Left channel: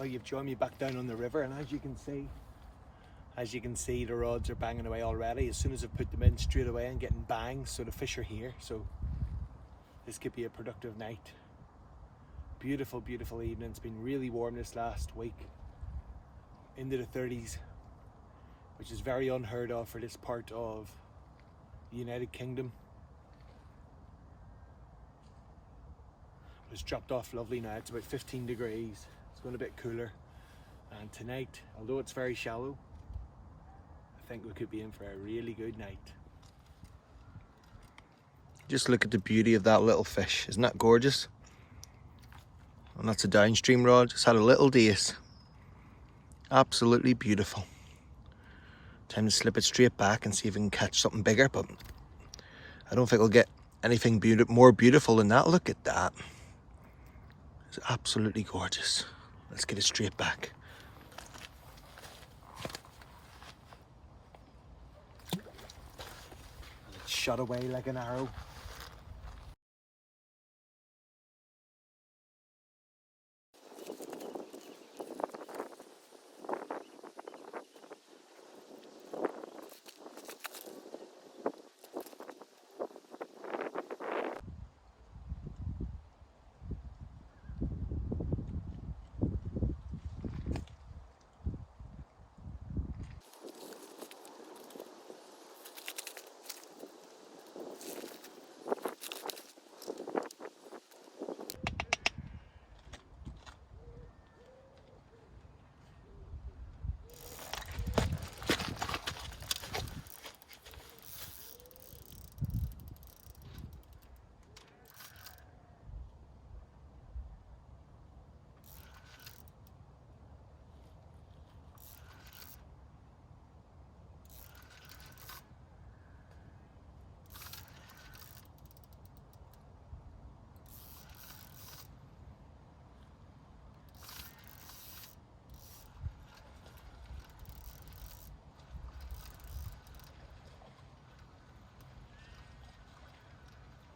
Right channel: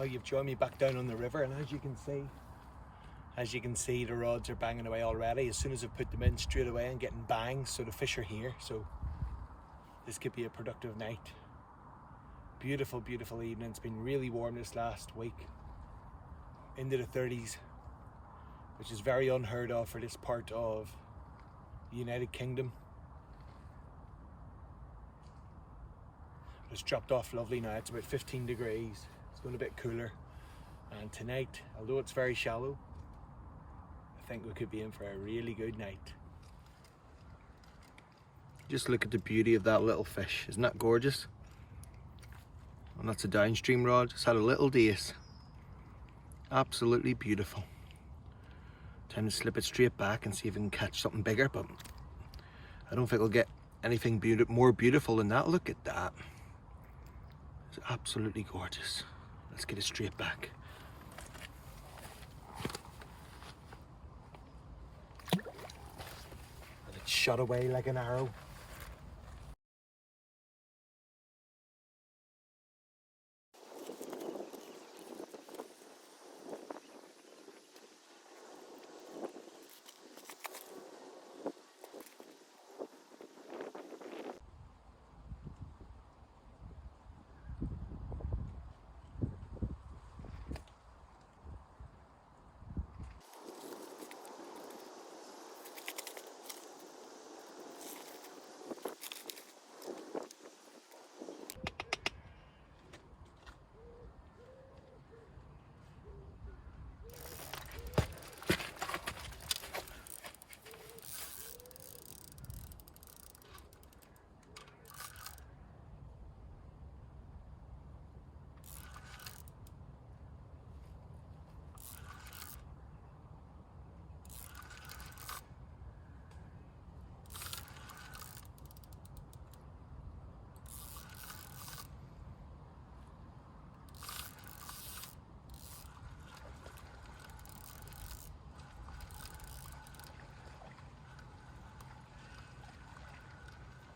Well, you've joined me back down on the river, and as you can see, the rods are banging away already. As soon as I've put them in, straight away I'm getting bangs, so the fish are here. So this could be a productive night. Beautiful, beautiful evening. It's been really warm this last week, into the 30s, which is very unheard of for this part of the United Kingdom. It's dropped off lovely now. It's about 15 degrees. It's going a bit cooler. And tonight, although it's very shallow, I think we could be in for a really good night. Just look at the beauty of that little fish. Isn't that gorgeous? And that's a downstream rod. Just had a little dace. Absolutely beautiful. Time to slip it straight back and see if we can catch something bigger, but I don't think we'll get anything more beautiful than that. Look at that. It's absolutely gorgeous. Let's get it straight back. And it shot away like an arrow.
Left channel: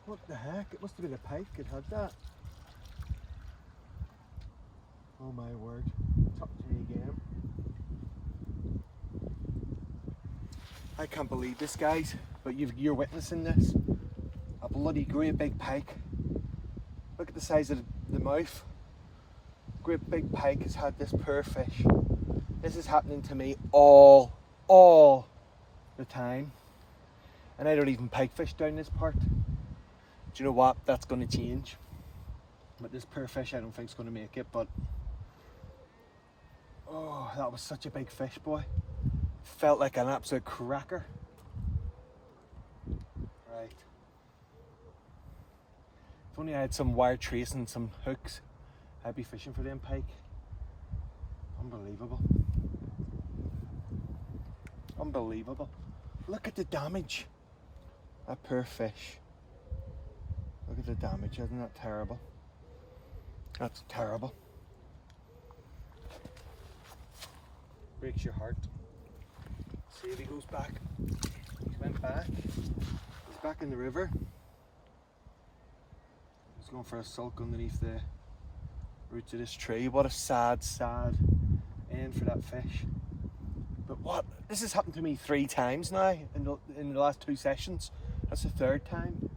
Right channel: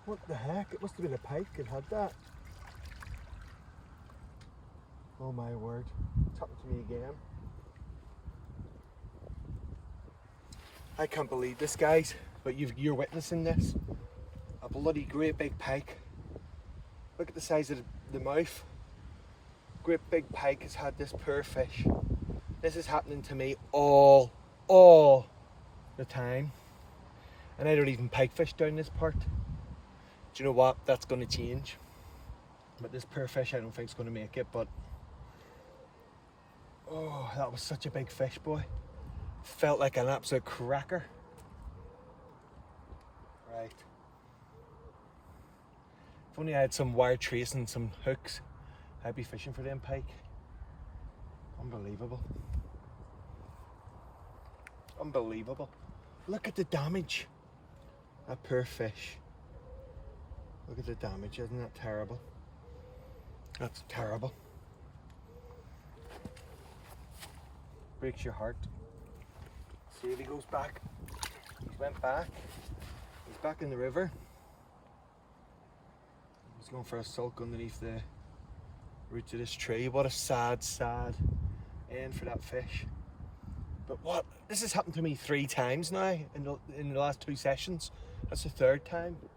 What the heck? It must have been a pike that had that. Oh my word. It's happened to me again. I can't believe this, guys, but you're witnessing this. A bloody great big pike. Look at the size of the mouth. Great big pike has had this poor fish. This is happening to me all the time. And I don't even pike fish down this part. Do you know what? That's going to change. But this poor fish, I don't think is going to make it. But oh, that was such a big fish, boy. Felt like an absolute cracker. Right. If only I had some wire trace and some hooks, I'd be fishing for them pike. Unbelievable. Unbelievable. Look at the damage. That poor fish. Look at the damage, isn't that terrible? That's terrible. Breaks your heart. See if he goes back. He went back. He's back in the river. He's going for a sulk underneath the roots of this tree. What a sad, sad end for that fish. But what? This has happened to me 3 times now in the last 2 sessions. That's the 3rd time.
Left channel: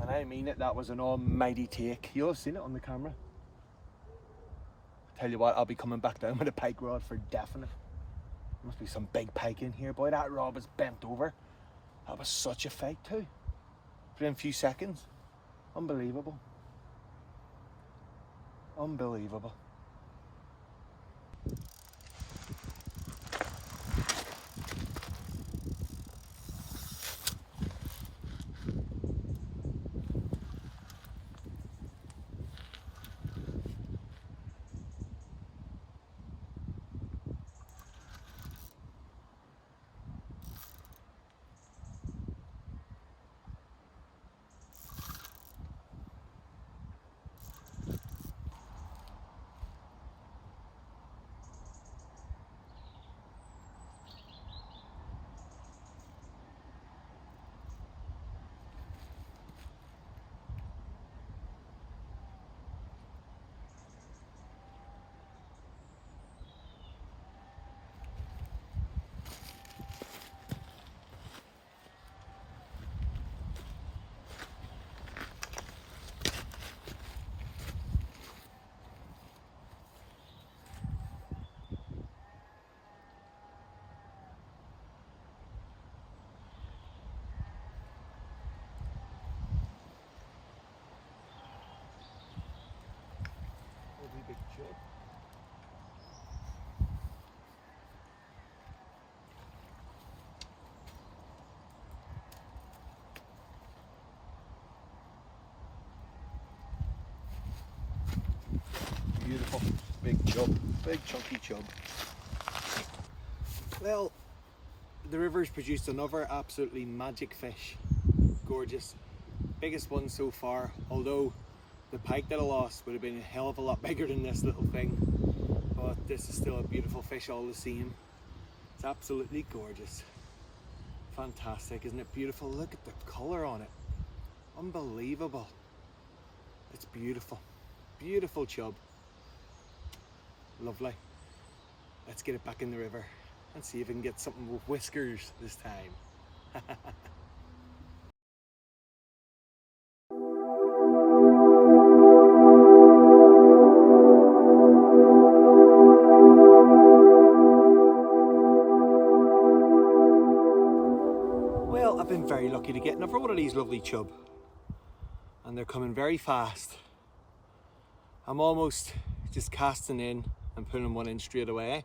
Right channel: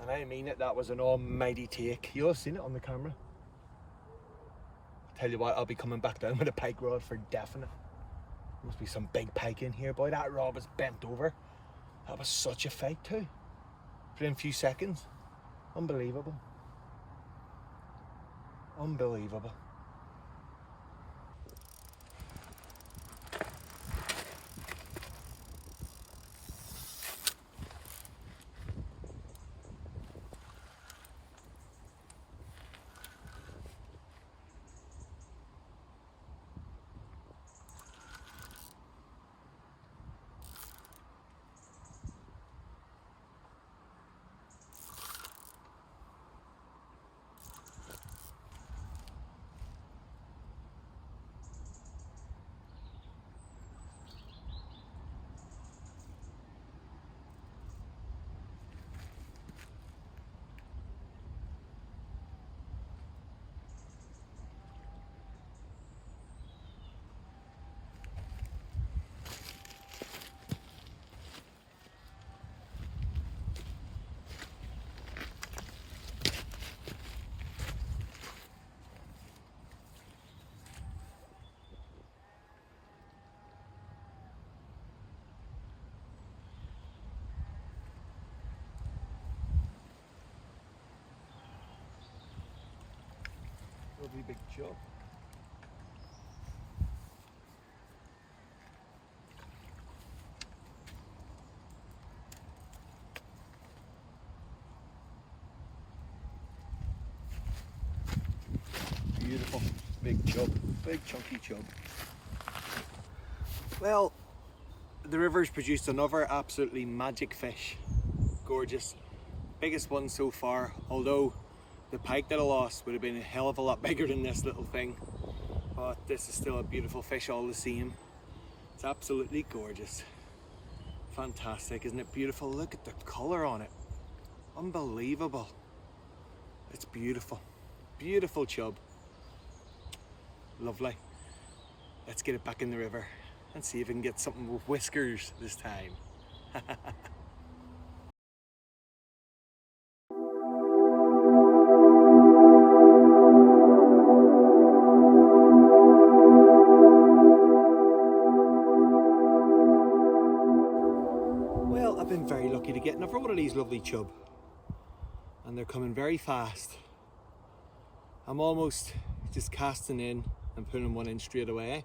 And I mean it, that was an almighty take. You'll have seen it on the camera. Tell you what, I'll be coming back down with a pike rod for definite. Must be some big pike in here, boy. That rod was bent over. That was such a fight too. For them few seconds. Unbelievable. Unbelievable. lovely big chub. Beautiful big chub, big chunky chub. Well, the river's produced another absolutely magic fish. Gorgeous. Biggest one so far, although the pike that I lost would have been a hell of a lot bigger than this little thing. But this is still a beautiful fish all the same. It's absolutely gorgeous. Fantastic, isn't it beautiful? Look at the colour on it. Unbelievable. It's beautiful. Beautiful chub. Lovely. Let's get it back in the river and see if we can get something with whiskers this time. Well, I've been very lucky to get another one of these lovely chub, and they're coming very fast. I'm almost just casting in and putting one in straight away,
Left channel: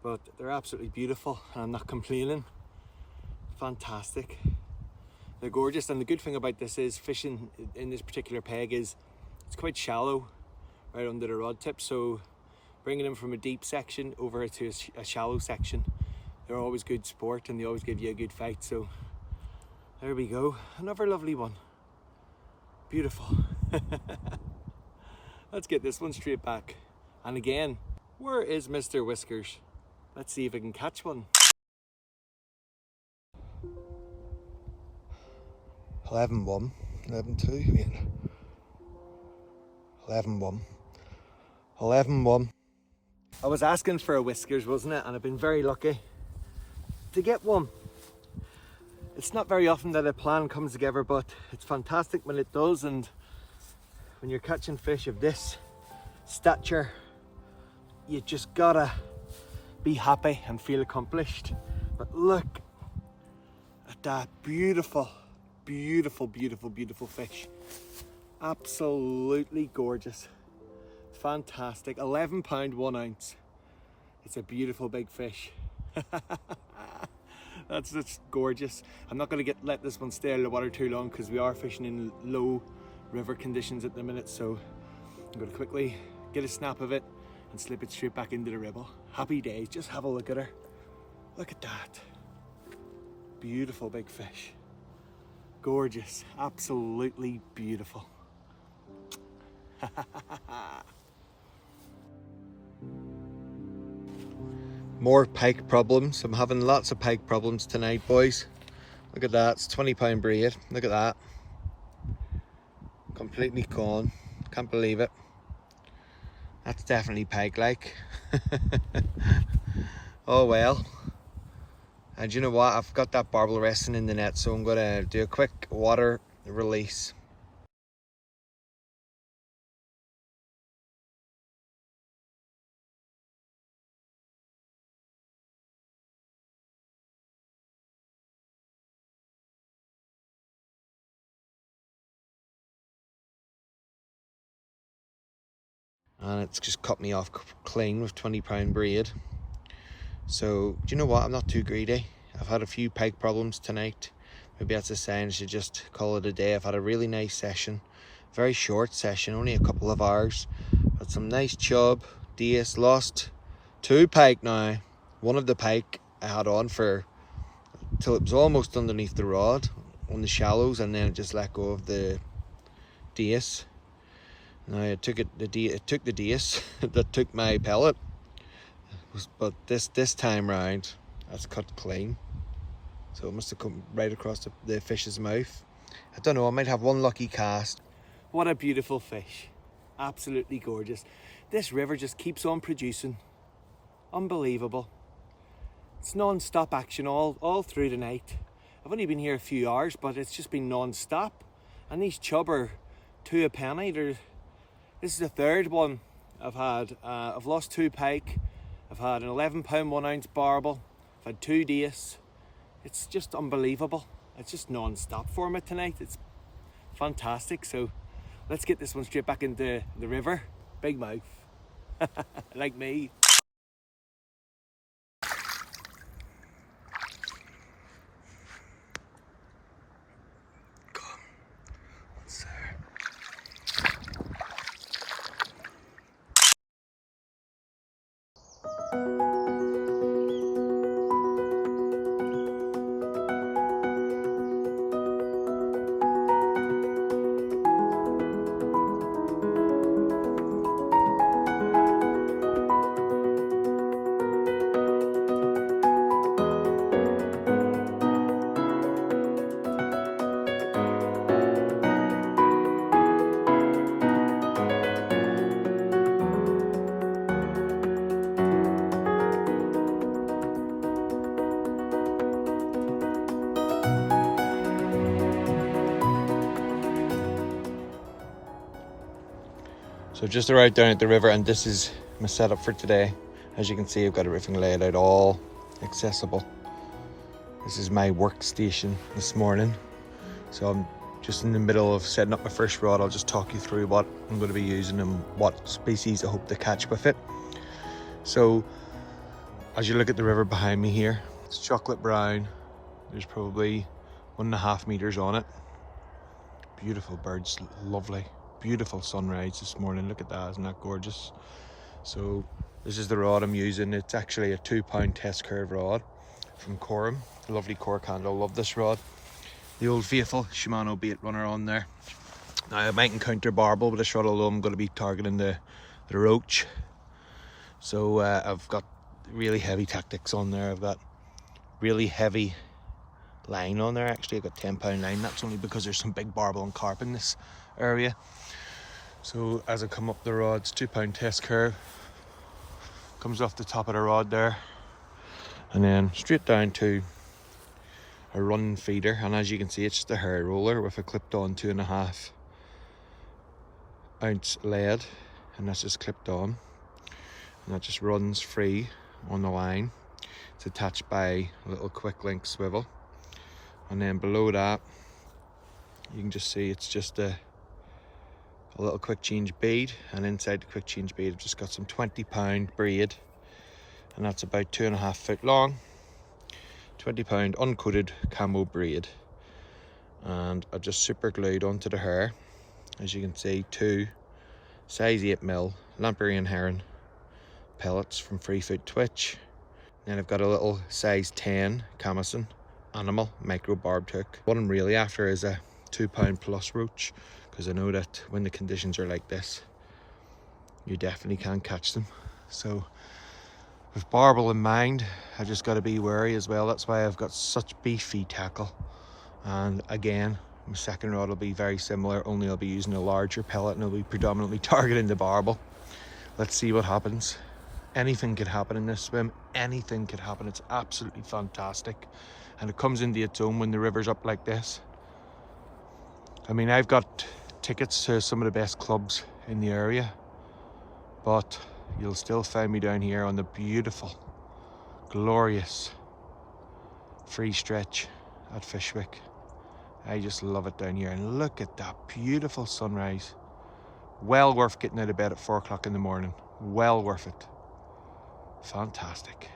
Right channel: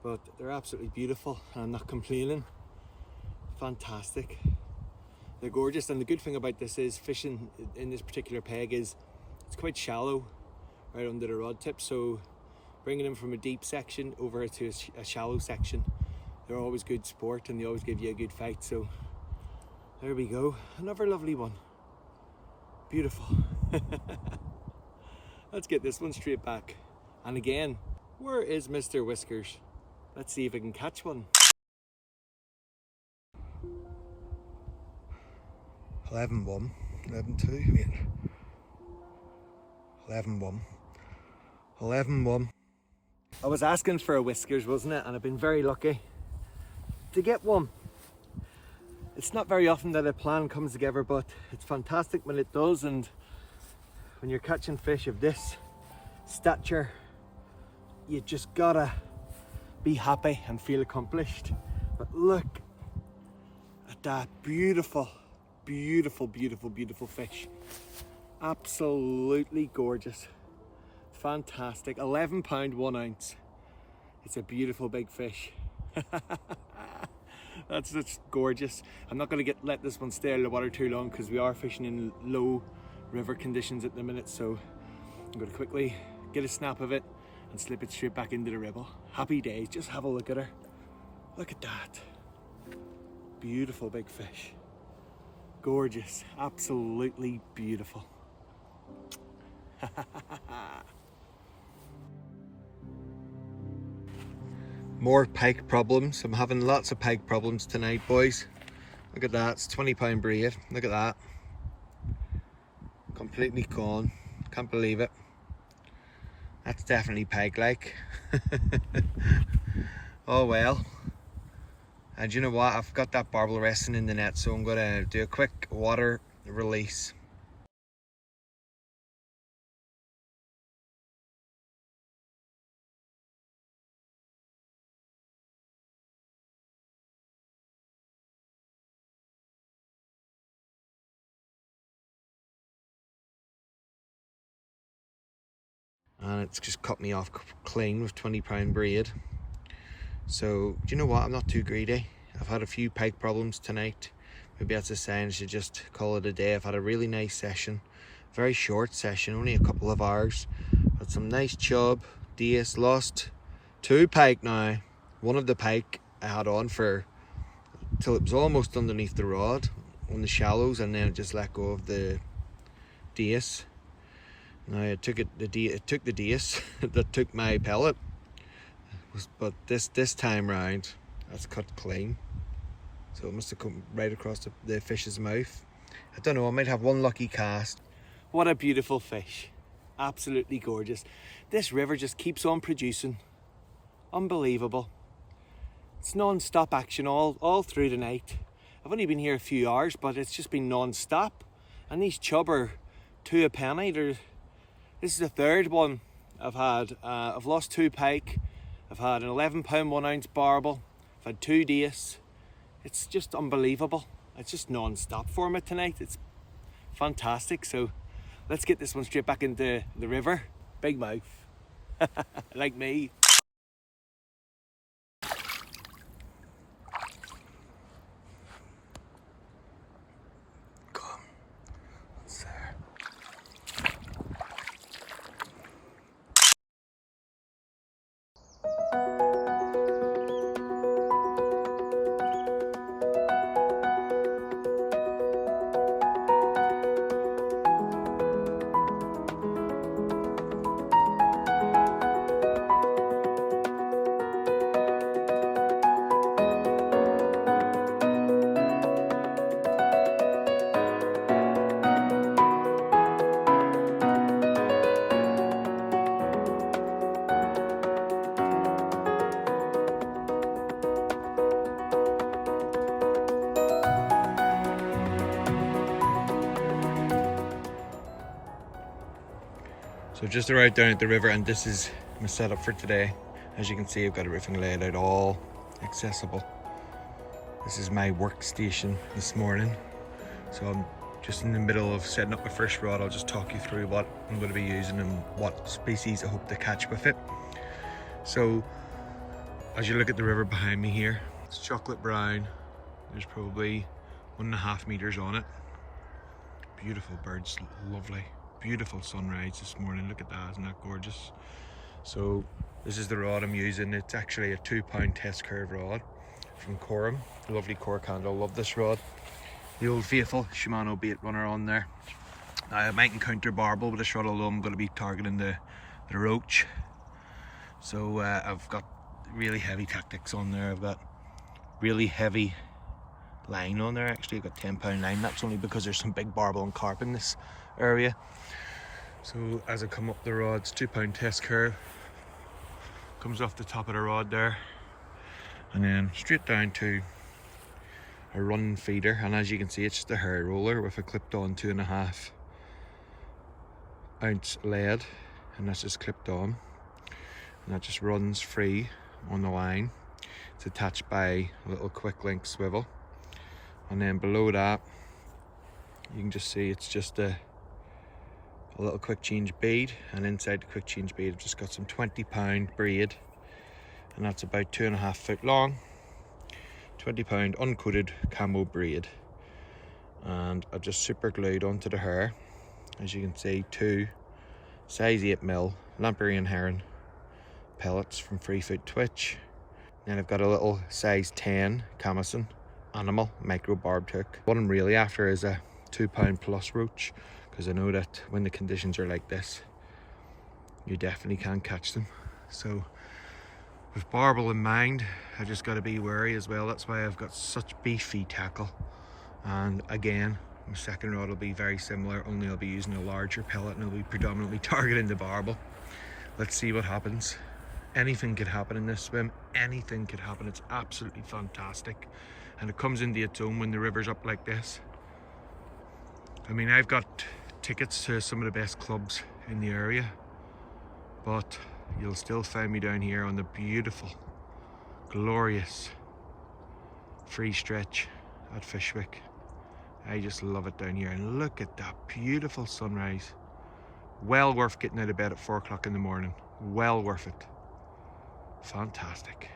but they're absolutely beautiful and I'm not complaining. Fantastic. They're gorgeous, and the good thing about this is fishing in this particular peg is it's quite shallow right under the rod tip, so bringing them from a deep section over to a shallow section, they're always good sport and they always give you a good fight. So there we go, another lovely one. Beautiful. Let's get this one straight back. And again, where is Mr. Whiskers? Let's see if I can catch one. 11-1, 11-2, wait. 11-1, 11-1. I was asking for a Whiskers, wasn't it? And I've been very lucky to get one. It's not very often that a plan comes together, but it's fantastic when it does. And when you're catching fish of this stature, you just gotta be happy and feel accomplished. But look at that beautiful, beautiful, beautiful, beautiful fish. Absolutely gorgeous. Fantastic. 11 pound 1 ounce. It's a beautiful big fish. That's just gorgeous. I'm not going to let this one stay out of the water too long because we are fishing in low river conditions at the minute, so I'm going to quickly get a snap of it and slip it straight back into the Ribble. Happy days. Just have a look at her. Look at that. Beautiful big fish. Gorgeous. Absolutely beautiful. More pike problems. I'm having lots of pike problems tonight, boys. Look at that. It's 20 pound braid. Look at that. Completely gone. Can't believe it. That's definitely pike-like. Oh well. And you know what? I've got that barbel resting in the net, so I'm going to do a quick water release. And it's just cut me off clean with 20 pound braid. So do you know what? I'm not too greedy. I've had a few pike problems tonight. Maybe that's a sign I should just call it a day. I've had a really nice session, very short session, only a couple of hours. Had some nice chub, dace, lost 2 pike now. One of the pike I had on for till it was almost underneath the rod on the shallows, and then it just let go of the dace. Now it took the dace that took my pellet, but this time round that's cut clean, so it must have come right across the fish's mouth. I don't know, I might have one lucky cast. What a beautiful fish, absolutely gorgeous. This river just keeps on producing. Unbelievable. It's non-stop action all through the night. I've only been here a few hours, but it's just been non-stop, and these chub are 2 a penny. This is the third one I've had. I've lost 2 pike. I've had an 11 pound 1 ounce barbel. I've had 2 dace. It's just unbelievable. It's just non-stop for me tonight. It's fantastic. So let's get this one straight back into the river Big mouth. Like me. So just arrived down at the river, and this is my setup for today. As you can see, I've got everything laid out, all accessible. This is my workstation this morning. So I'm just in the middle of setting up my first rod. I'll just talk you through what I'm going to be using and what species I hope to catch with it. So as you look at the river behind me here, it's chocolate brown. There's probably 1.5 meters on it. Beautiful birds, lovely. Beautiful sunrise this morning. Look at that, isn't that gorgeous? So this is the rod I'm using. It's actually a 2-pound test curve rod from Coram. Lovely cork handle, love this rod. The old faithful Shimano bait runner on there. Now I might encounter Barbel with this rod, although I'm going to be targeting the Roach. So I've got really heavy tactics on there. I've got really heavy line on there. Actually I've got 10-pound line. That's only because there's some big barbel and carp in this area. So as I come up the rod, it's 2-pound test curve, comes off the top of the rod there, and then straight down to a run feeder. And as you can see, it's just a hair roller with a clipped on 2.5 ounce lead, and that's just clipped on, and that just runs free on the line. It's attached by a little quick link swivel, and then below that you can just see it's just a little quick change bead, and inside the quick change bead I've just got some 20-pound braid, and that's about 2.5 foot long, 20-pound uncoated camo braid, and I've just super glued onto the hair, as you can see, 2 size 8mm Lamperian Heron pellets from Free Food Twitch. Then I've got a little size 10 Camison Animal micro barbed hook. What I'm really after is a 2-pound plus roach, because I know that when the conditions are like this, you definitely can catch them. So with barbel in mind, I just got to be wary as well. That's why I've got such beefy tackle. And again, my second rod will be very similar, only I'll be using a larger pellet and I'll be predominantly targeting the barbel. Let's see what happens. Anything could happen in this swim. Anything could happen. It's absolutely fantastic, and it comes into its own when the river's up like this. I mean, I've got tickets to some of the best clubs in the area, but you'll still find me down here on the beautiful, glorious free stretch at Fishwick. I just love it down here, and look at that beautiful sunrise. Well worth getting out of bed at 4 o'clock in the morning. Well worth it. Fantastic.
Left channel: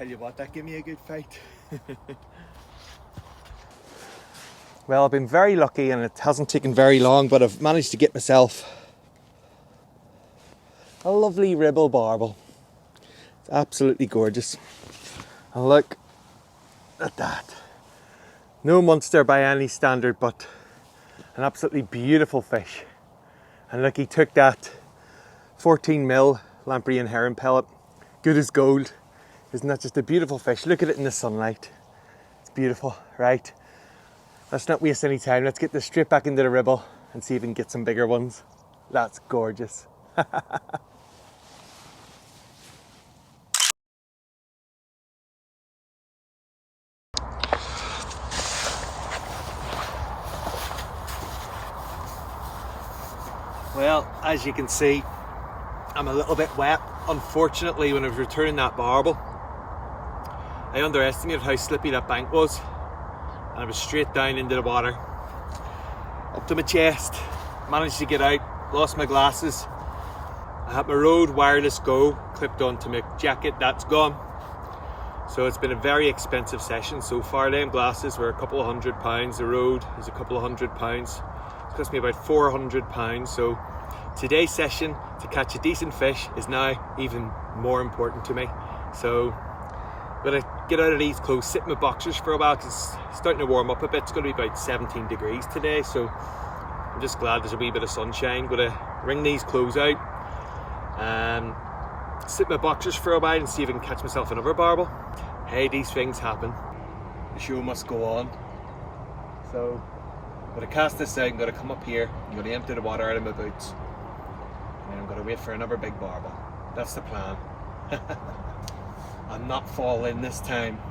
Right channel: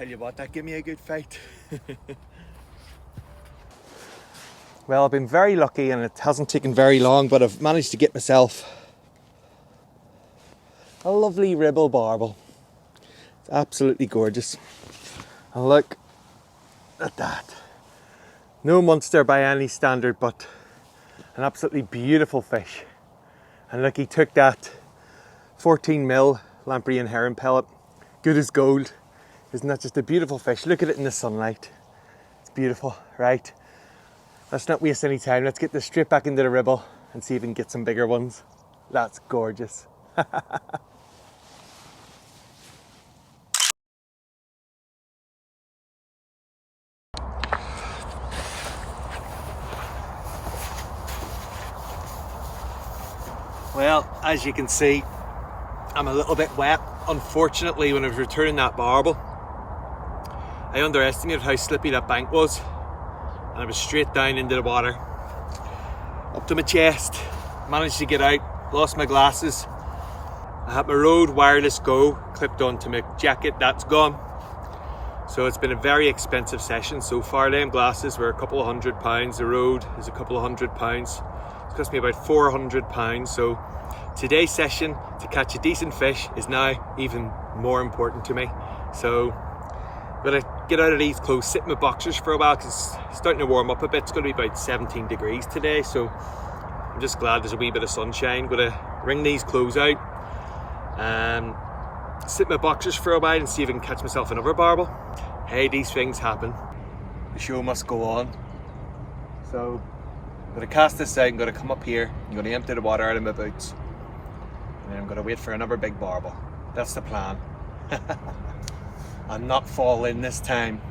Tell you what, that gave me a good fight. Well, I've been very lucky and it hasn't taken very long, but I've managed to get myself a lovely Ribble barbel. It's absolutely gorgeous. And look at that. No monster by any standard, but an absolutely beautiful fish. And look, he took that 14mm Lampreyan herring pellet. Good as gold. Isn't that just a beautiful fish? Look at it in the sunlight. It's beautiful, right? Let's not waste any time. Let's get this straight back into the Ribble and see if we can get some bigger ones. That's gorgeous. Well, as you can see, I'm a little bit wet. Unfortunately, when I was returning that barbel, I underestimated how slippy that bank was, and I was straight down into the water, up to my chest. Managed to get out, lost my glasses. I had my Rode wireless Go clipped onto my jacket, that's gone. So it's been a very expensive session so far. Them glasses were a couple of £100, the Rode is a couple of £100. It's cost me about £400. So today's session, to catch a decent fish, is now even more important to me. So I'm gonna get out of these clothes, sit in my boxers for a while because it's starting to warm up a bit. It's gonna be about 17 degrees today, so I'm just glad there's a wee bit of sunshine. Gonna wring these clothes out and sit in my boxers for a while and see if I can catch myself another barbel. Hey, these things happen. The show must go on. So I'm gonna cast this out, I'm gonna come up here, I'm gonna empty the water out of my boots, and then I'm gonna wait for another big barbel. That's the plan. I'm not fall in this time.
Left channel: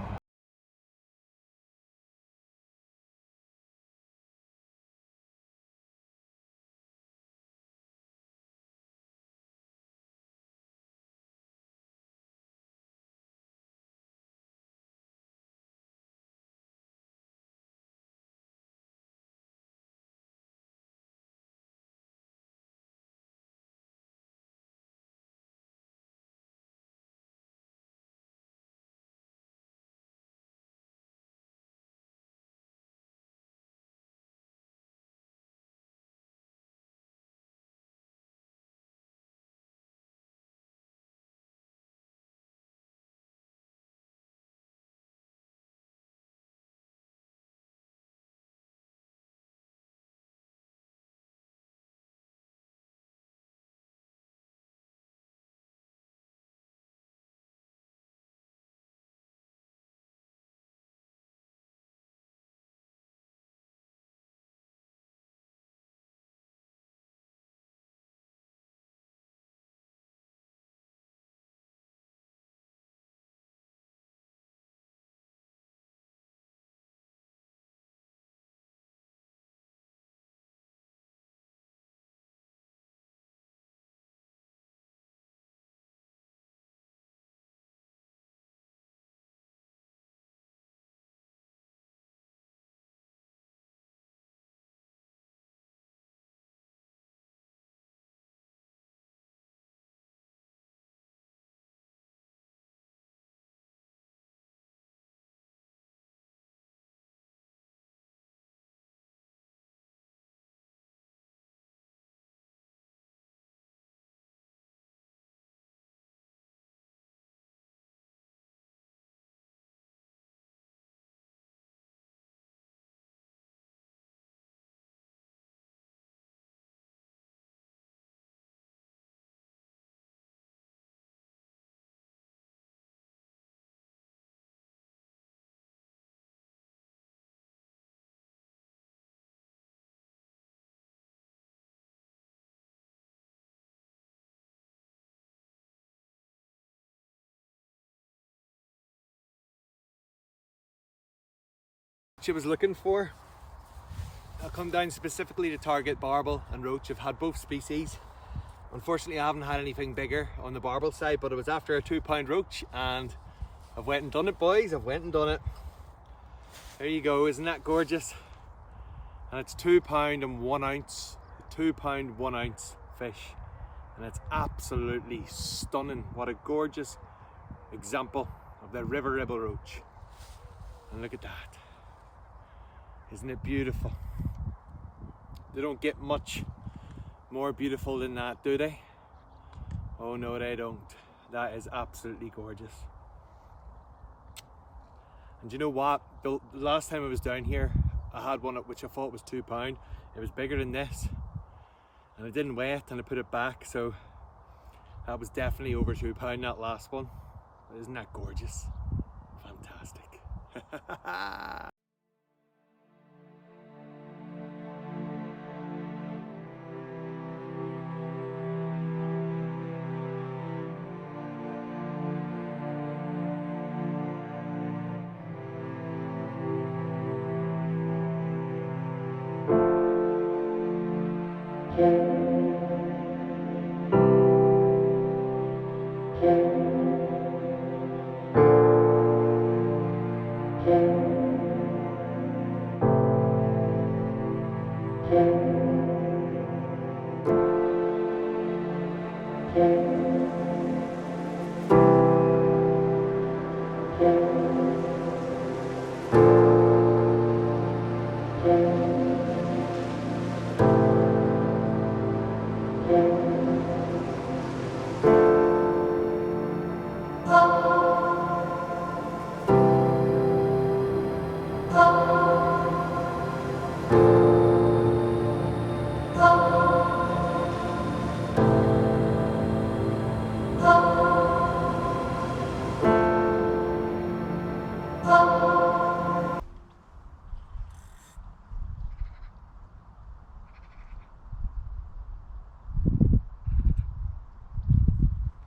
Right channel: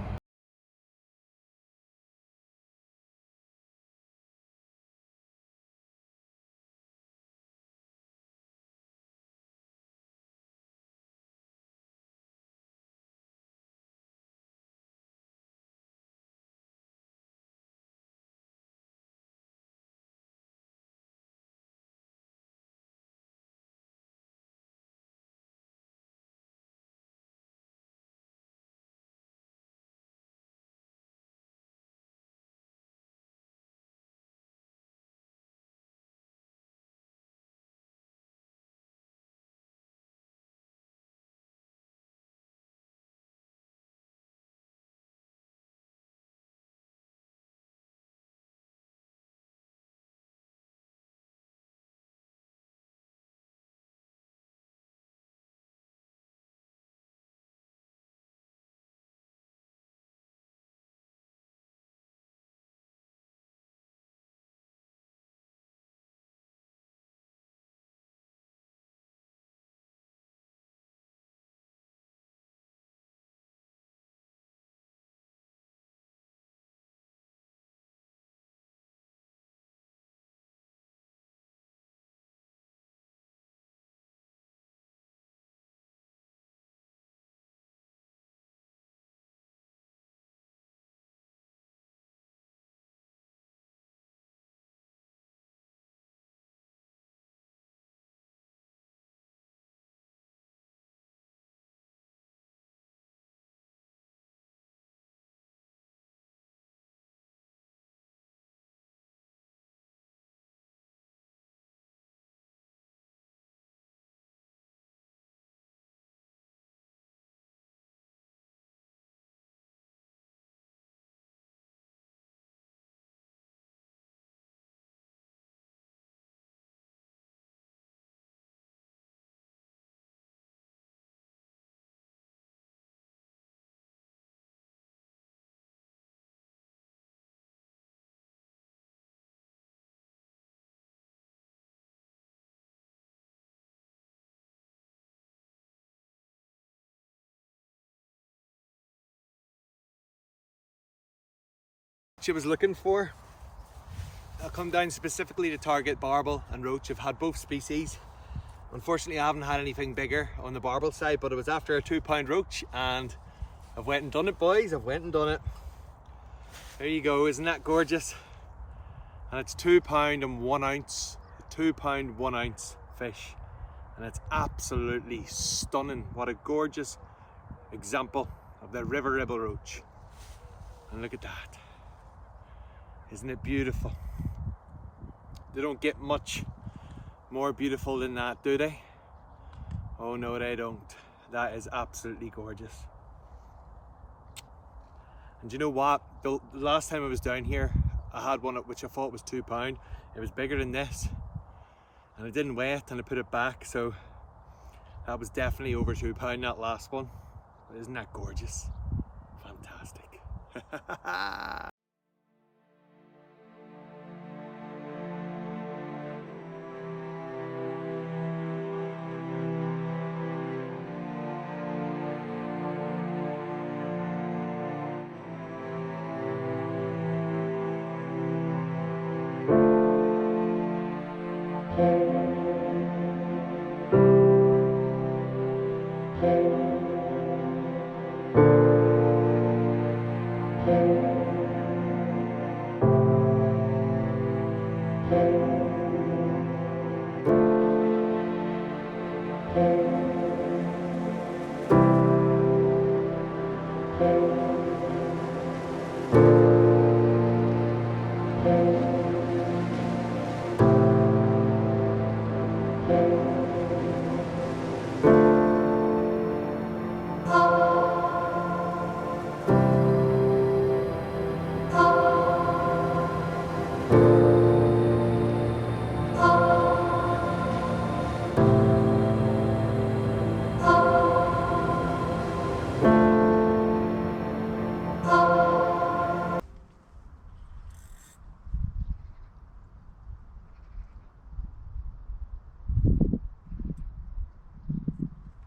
I was looking for. I'll come down specifically to target barbel and roach. I've had both species. Unfortunately, I haven't had anything bigger on the barbel side, but it was after a 2-pound roach, and I've went and done it, boys. I've went and done it. There you go, isn't that gorgeous? And it's 2 pound and 1 ounce, 2 pound 1 ounce fish, and it's absolutely stunning. What a gorgeous example of the Ribble Roach. And look at that. Isn't it beautiful? They don't get much more beautiful than that, do they? Oh no, they don't. That is absolutely gorgeous. And you know what? The last time I was down here, I had one which I thought was £2. It was bigger than this. And I didn't weigh it and I put it back, so that was definitely over £2, that last one. But isn't that gorgeous? Fantastic.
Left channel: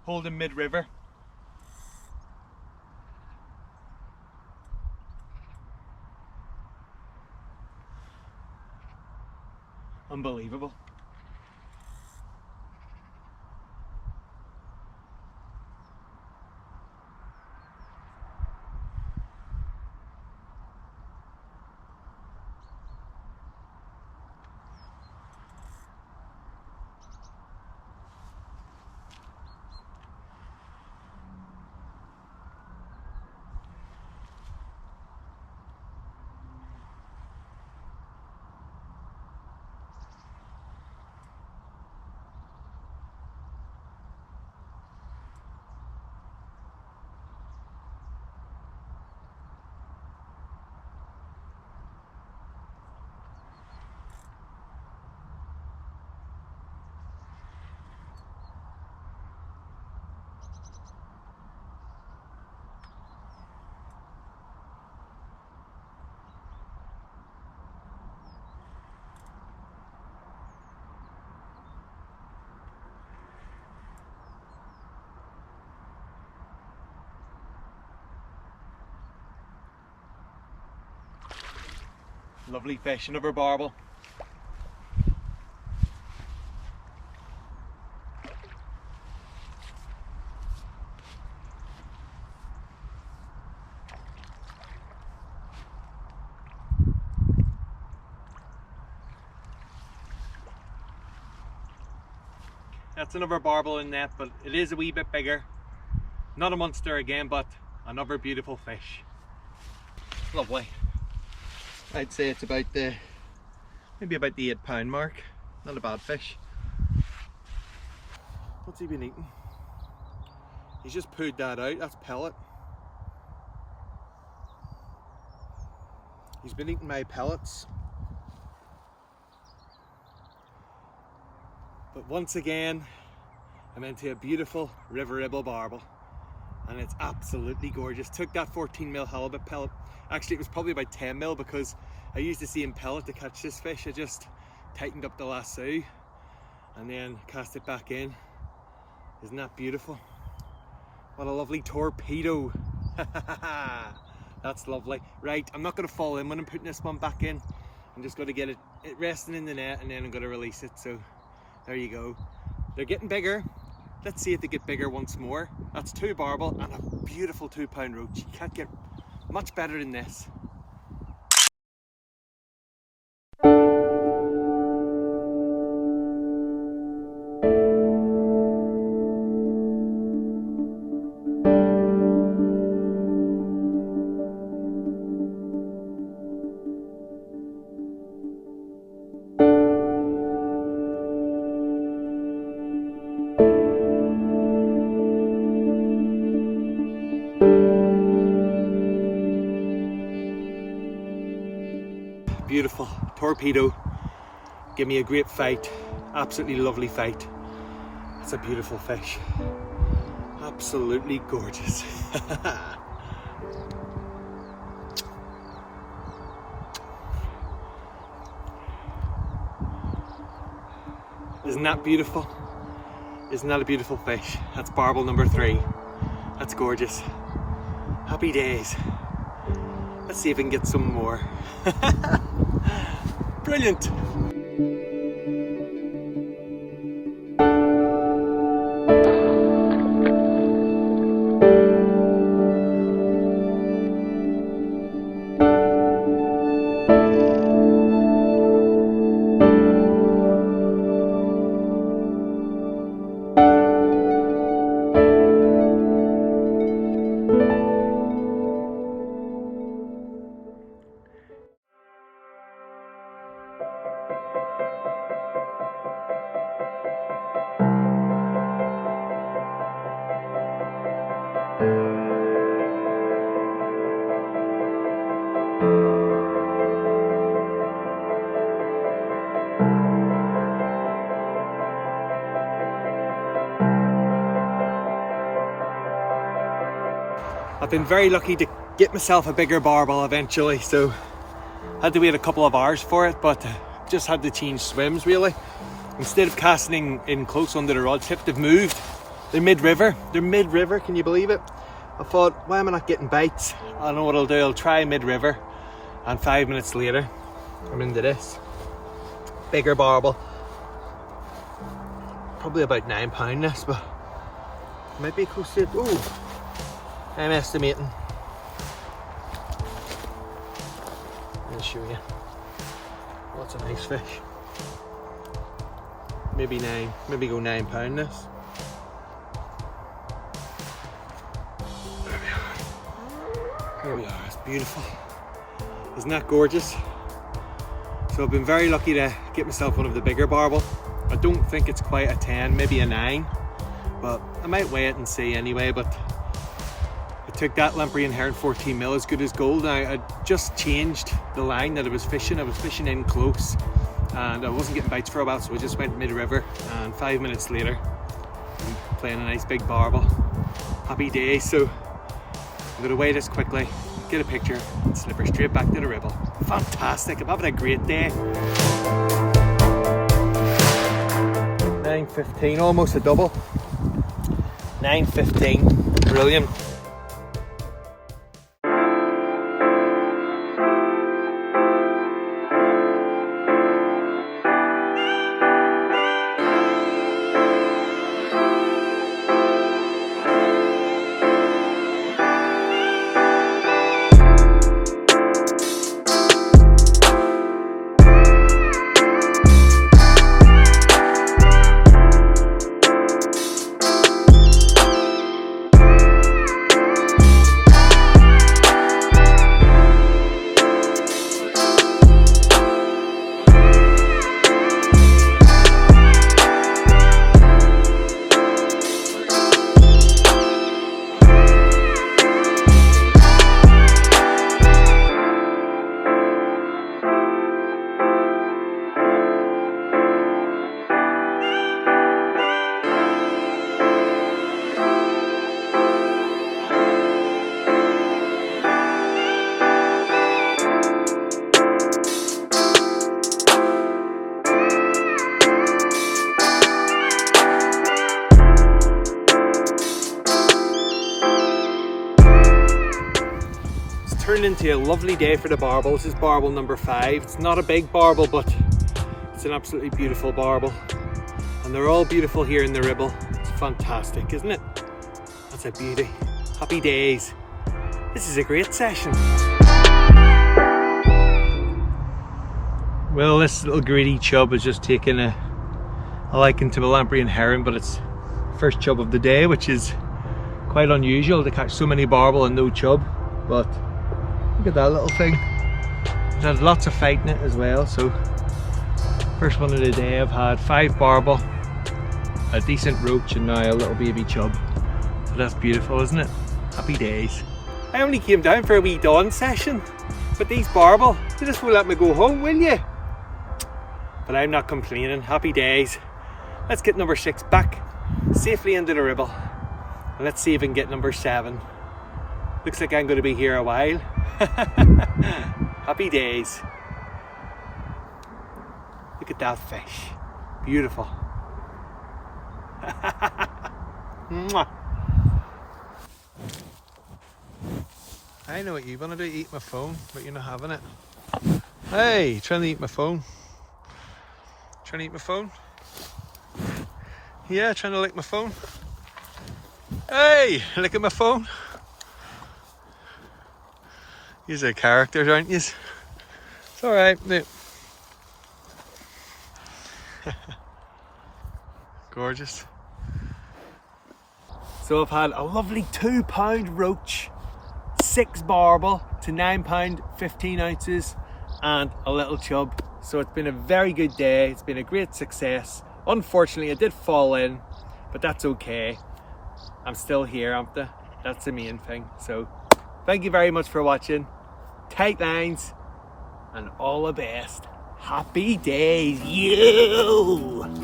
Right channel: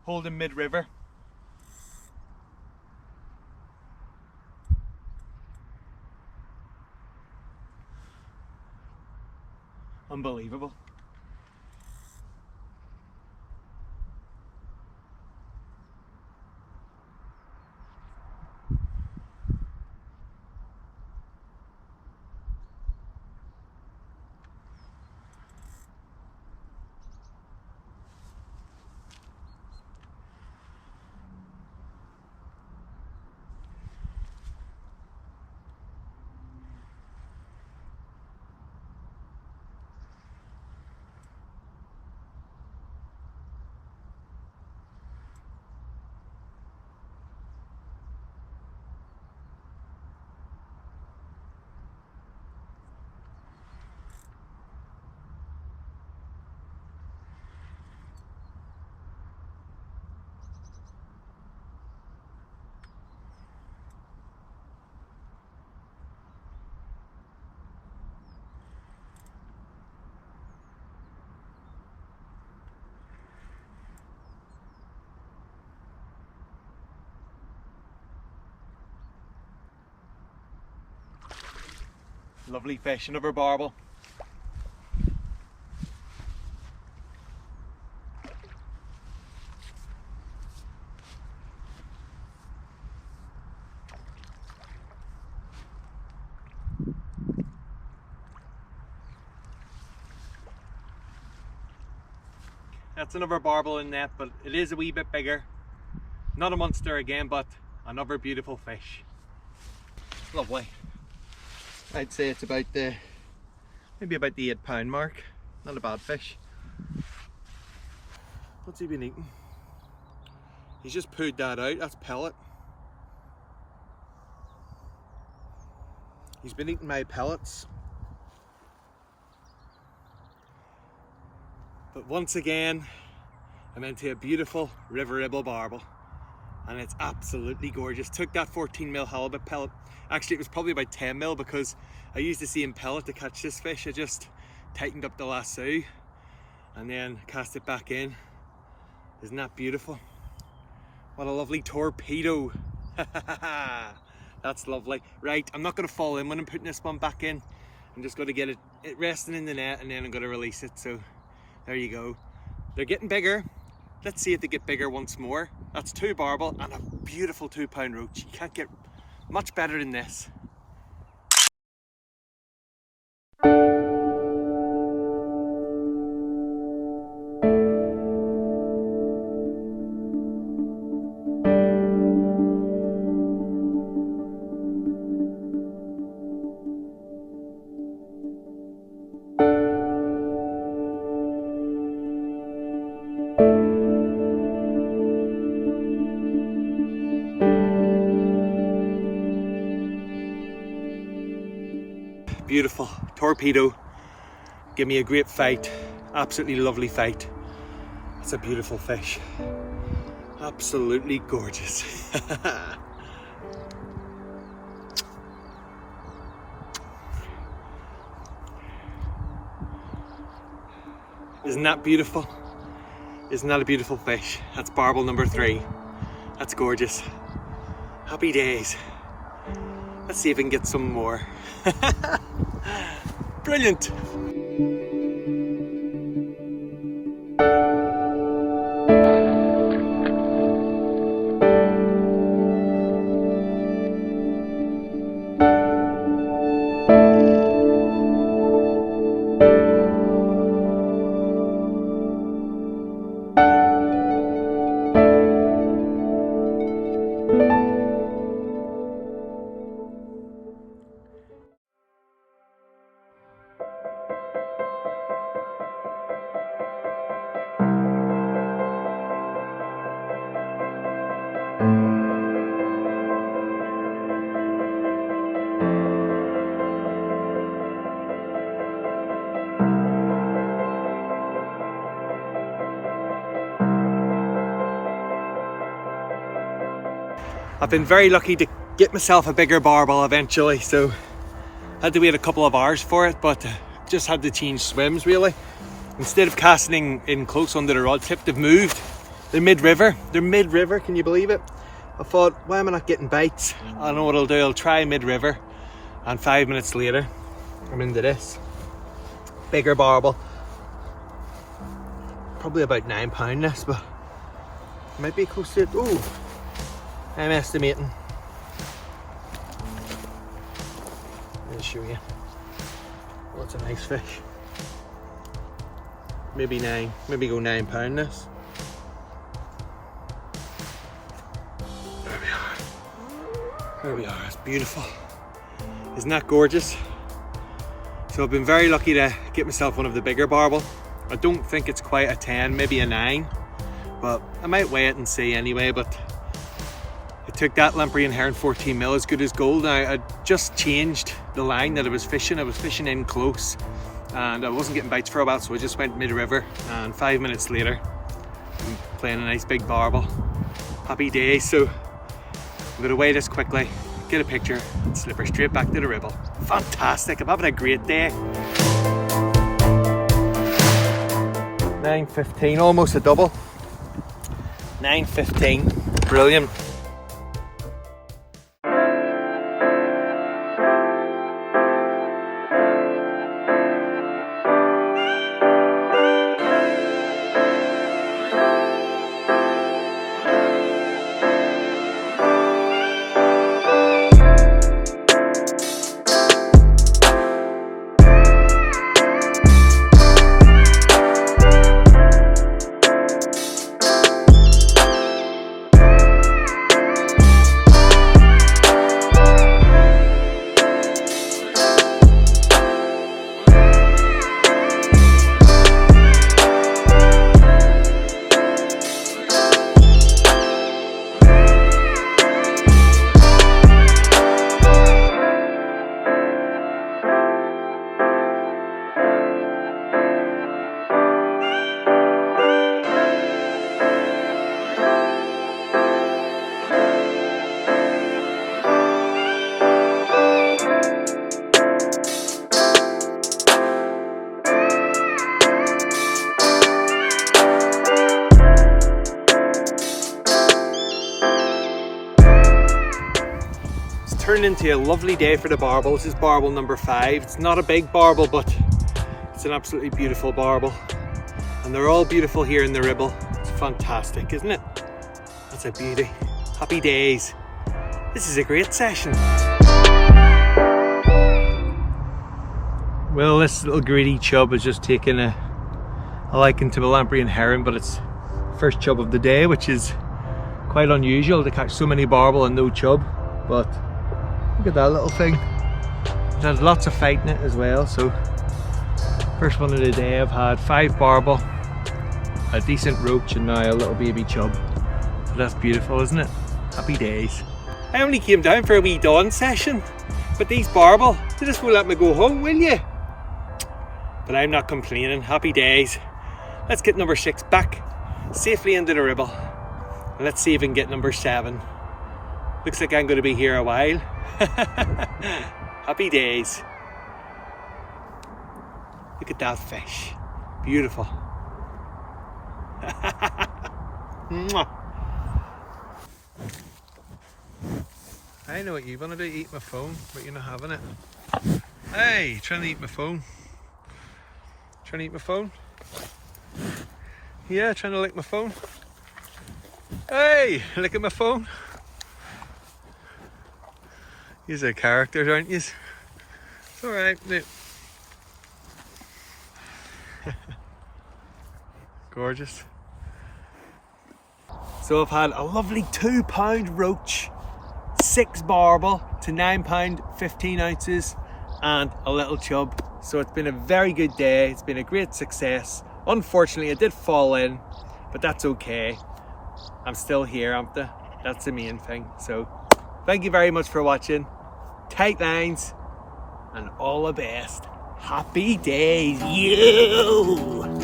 Holding mid-river. Unbelievable. Lovely fish, another barbel. That's another barbel in net, but it is a wee bit bigger. Not a monster again, but another beautiful fish. Lovely. I'd say it's about the, maybe about the £8 mark. Not a bad fish. What's he been eating? He's just pooed that out, that's pellet. He's been eating my pellets. But once again, I'm into a beautiful Ribble barbel. And it's absolutely gorgeous. Took that 14mm halibut pellet. Actually, it was probably about 10mm because I used the same pellet to catch this fish. I just tightened up the lasso and then cast it back in. Isn't that beautiful? What a lovely torpedo. That's lovely. Right, I'm not going to fall in when I'm putting this one back in. I'm just going to get it resting in the net and then I'm going to release it. So there you go. They're getting bigger. Let's see if they get bigger once more. That's 2 barbel and a beautiful £2 roach. You can't get much better than this. beautiful. Torpedo. Give me a great fight. Absolutely lovely fight. That's a beautiful fish. Absolutely gorgeous. Isn't that beautiful? Isn't that a beautiful fish? That's barbel number 3. That's gorgeous. Happy days. Let's see if we can get some more. Brilliant. I've been very lucky to get myself a bigger barbel eventually, so I had to wait a couple of hours for it, but just had to change swims really. Instead of casting in close under the rod tip, they've moved. They're mid-river. Can you believe it? I thought, why am I not getting bites? I know what I'll do, I'll try mid-river, and 5 minutes later, I'm into this. Bigger barbel. Probably about £9 this, but might be close to it. Ooh. I'm estimating. I'll show you. Oh, it's a nice fish. Maybe go £9 this. There we are, it's beautiful. Isn't that gorgeous? So I've been very lucky to get myself one of the bigger barbel. I don't think it's quite a 10, maybe a 9, but I might weigh it and see anyway. But I took that lamprey and herring 14 mil, as good as gold. Now I just changed the line that I was fishing. I was fishing in close and I wasn't getting bites for a while, so I just went mid-river, and 5 minutes later I'm playing a nice big barbel. Happy days. So I'm gonna weigh this quickly, get a picture and slip her straight back to the Ribble. Fantastic, I'm having a great day. 9.15, almost a double. 9.15, brilliant. Turned into a lovely day for the barbel. This is barbel number 5. It's not a big barbel, but it's an absolutely beautiful barbel, and they're all beautiful here in the Ribble. It's fantastic, isn't it? That's a beauty. Happy days. This is a great session. Well, this little greedy chub has just taken a liking to the lamprey and herring, but it's first chub of the day, which is quite unusual to catch so many barbel and no chub. But look at that little thing. It had lots of fight in it as well. So first one of the day, I've had 5 barbel, a decent roach, and now a little baby chub. So that's beautiful, isn't it? Happy days. I only came down for a wee dawn session, But these Barbel, they just won't let me go home, will you? But I'm not complaining. Happy days. Let's get number 6 back safely into the Ribble. And let's see if we can get number 7. Looks like I'm going to be here a while. Happy days. Look at that fish. Beautiful. Mwah. I know what you want to do, eat my phone, but you're not having it. Hey, trying to eat my phone. Trying to eat my phone? Yeah, trying to lick my phone. Hey, look at my phone. You're a character, aren't you? It's alright. Gorgeous. So I've had a lovely £2 roach, 6 Barbel to £9 15 ounces, and a little chub. So it's been a very good day. It's been a great success. Unfortunately, I did fall in, but that's okay. I'm still here, aren't I? That's the main thing. So thank you very much for watching. Tight lines and all the best. Happy days, you!